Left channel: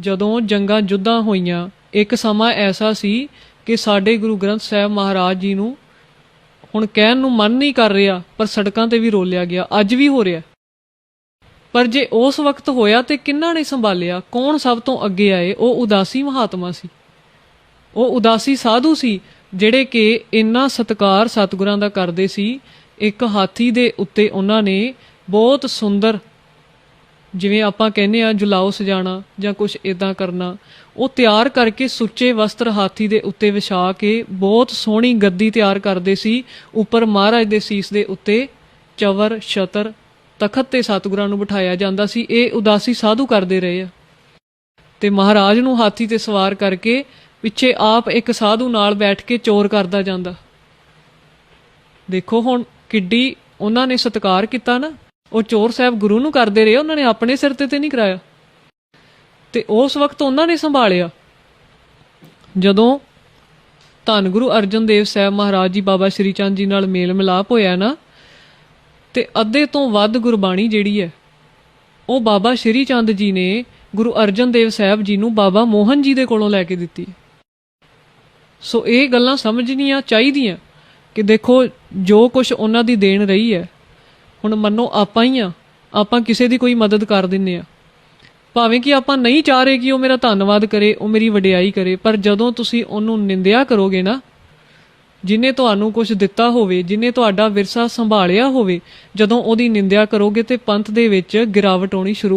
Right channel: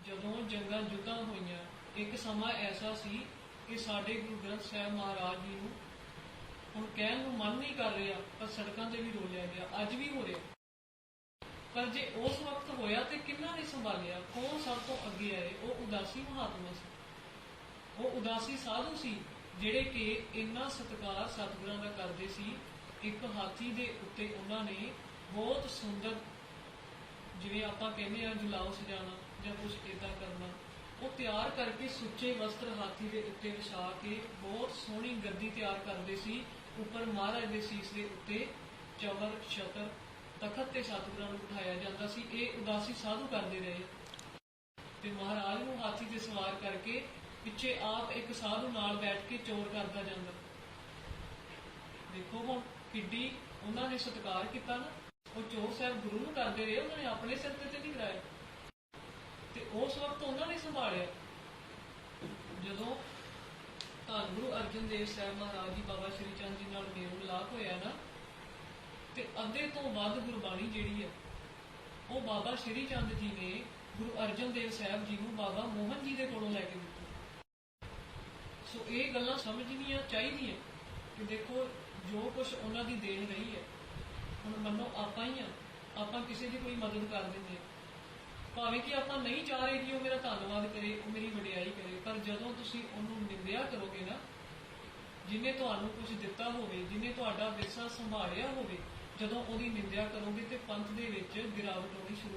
ਜਦੋਂ ਜੰਗਾਂ ਜੁੱਧਾਂ ਹੋਈਆਂ, ਇੱਕ ਸਮਾਂ ਐਸਾ ਸੀ ਕਿ ਸਾਡੇ ਗੁਰੂ ਗ੍ਰੰਥ ਸਾਹਿਬ ਮਹਾਰਾਜ ਜੀ ਨੂੰ ਹੁਣ ਕਹਿਣ ਨੂੰ ਮਨ ਨਹੀਂ ਕਰ ਰਿਹਾ, ਪਰ ਸੜਕਾਂ ਤੇ ਵੀ ਰੋਲਿਆ ਗਿਆ, ਅੱਜ ਵੀ ਹੋ ਰਿਹਾ। ਪਰ ਜੇ ਉਸ ਵਕਤ ਹੋਇਆ ਤੇ ਕਿੰਨਾ ਨੇ ਸੰਭਾਲਿਆ, ਕੌਣ ਸਭ ਤੋਂ ਅੱਗੇ ਆਏ? ਉਹ ਉਦਾਸੀ ਮਹਾਤਮਾ ਸੀ। ਉਹ ਉਦਾਸੀ ਸਾਧੂ ਸੀ, ਜਿਹੜੇ ਕਿ ਇੰਨਾ ਸਤਕਾਰ ਸਤਿਗੁਰਾਂ ਦਾ ਕਰਦੇ ਸੀ, ਇੱਕ ਹਾਥੀ ਦੇ ਉੱਤੇ ਉਹਨਾਂ ਨੇ ਬਹੁਤ ਸੁੰਦਰ ਜਿਵੇਂ ਆਪਾਂ ਕਹਿੰਦੇ ਆ ਜੁਲਾਓ ਸਜਾਣਾ ਜਾਂ ਕੁਝ ਇਦਾਂ ਕਰਨਾ, ਉਹ ਤਿਆਰ ਕਰਕੇ ਸੁੱਚੇ ਵਸਤਰ ਹਾਥੀ ਦੇ ਉੱਤੇ ਵਿਛਾ ਕੇ ਬਹੁਤ ਸੋਹਣੀ ਗੱਦੀ ਤਿਆਰ ਕਰਦੇ ਸੀ, ਉੱਪਰ ਮਹਾਰਾਜ ਦੇ ਸੀਸ ਦੇ ਉੱਤੇ ਚਵਰ, ਛਤਰ, ਤਖਤ ਤੇ ਸਤਿਗੁਰਾਂ ਨੂੰ ਬਿਠਾਇਆ ਜਾਂਦਾ ਸੀ, ਇਹ ਉਦਾਸੀ ਸਾਧੂ ਕਰਦੇ ਰਹੇ ਆ। ਤੇ ਮਹਾਰਾਜ ਨੂੰ ਹਾਥੀ ਤੇ ਸਵਾਰ ਕਰਕੇ ਪਿੱਛੇ ਆਪ ਇੱਕ ਸਾਧੂ ਨਾਲ ਬੈਠ ਕੇ ਚੋਰ ਕਰਦਾ ਜਾਂਦਾ। ਦੇਖੋ ਹੁਣ ਕਿੱਡੀ ਉਹਨਾਂ ਨੇ ਸਤਿਕਾਰ ਕੀਤਾ ਨਾ। ਉਹ ਚੋਰ ਸਾਹਿਬ ਗੁਰੂ ਨੂੰ ਕਰਦੇ ਰਹੇ, ਉਹਨਾਂ ਨੇ ਆਪਣੇ ਸਿਰ ਤੇ ਤੇ ਨਹੀਂ ਕਰਾਇਆ। ਤੇ ਉਸ ਵਕਤ ਉਹਨਾਂ ਨੇ ਸੰਭਾਲਿਆ। ਜਦੋਂ ਧੰਨ ਗੁਰੂ ਅਰਜਨ ਦੇਵ ਸਾਹਿਬ ਮਹਾਰਾਜ ਜੀ ਬਾਬਾ ਸ਼੍ਰੀ ਚੰਦ ਜੀ ਨਾਲ ਮੇਲ ਮਿਲਾਪ ਹੋਇਆ ਨਾ, ਤੇ ਅੱਧੇ ਤੋਂ ਵੱਧ ਗੁਰਬਾਣੀ ਜਿਹੜੀ ਹੈ, ਉਹ ਬਾਬਾ ਸ਼੍ਰੀ ਚੰਦ ਜੀ ਨੇ ਗੁਰੂ ਅਰਜਨ ਦੇਵ ਸਾਹਿਬ ਜੀ ਨੂੰ ਬਾਬਾ ਮੋਹਨ ਜੀ ਦੇ ਕੋਲੋਂ ਲੈ ਕੇ ਦਿੱਤੀ। ਸੋ ਇਹ ਗੱਲਾਂ ਸਮਝਣੀਆਂ ਚਾਹੀਦੀਆਂ ਕਿ ਦੇਖੋ, ਜੋ ਕੁਝ ਉਹਨਾਂ ਦੀ ਦੇਣ ਰਹੀ ਹੈ ਹੁਣ ਮੰਨੋ ਆਪਾਂ ਹੀ ਆ। ਆਪਾਂ ਕਿਸੇ ਦੀ ਕੋਈ ਮਦਦ ਕਰ ਦਿੰਨੇ ਆ। ਭਾਵੇਂ ਕਿ ਆਪਾਂ ਨਹੀਂ ਚਾਹ ਰਹੇ ਕਿ ਉਹ ਮੇਰਾ ਧੰਨਵਾਦ ਕਰੇ, ਉਹ ਮੇਰੀ ਵਡਿਆਈ ਕਰੇ, ਪਰ ਜਦੋਂ ਤੁਸੀਂ ਉਹਨੂੰ ਨਿੰਦਿਆ ਕਰੋਗੇ ਨਾ, ਜਿਨੇ ਤੁਹਾਨੂੰ ਕੁਝ ਦਿੱਤਾ ਹੋਵੇ, ਜਿਨੇ ਤੁਹਾਡਾ ਵਿਰਸਾ ਸੰਭਾਲਿਆ ਹੋਵੇ, ਜਦੋਂ ਉਹਦੀ ਨਿੰਦਿਆ ਕਰੋਗੇ ਤੇ ਪੰਥ ਦੇ ਵਿੱਚ ਗਿਰਾਵਟ ਆਉਣੀ ਸ਼ੁਰੂ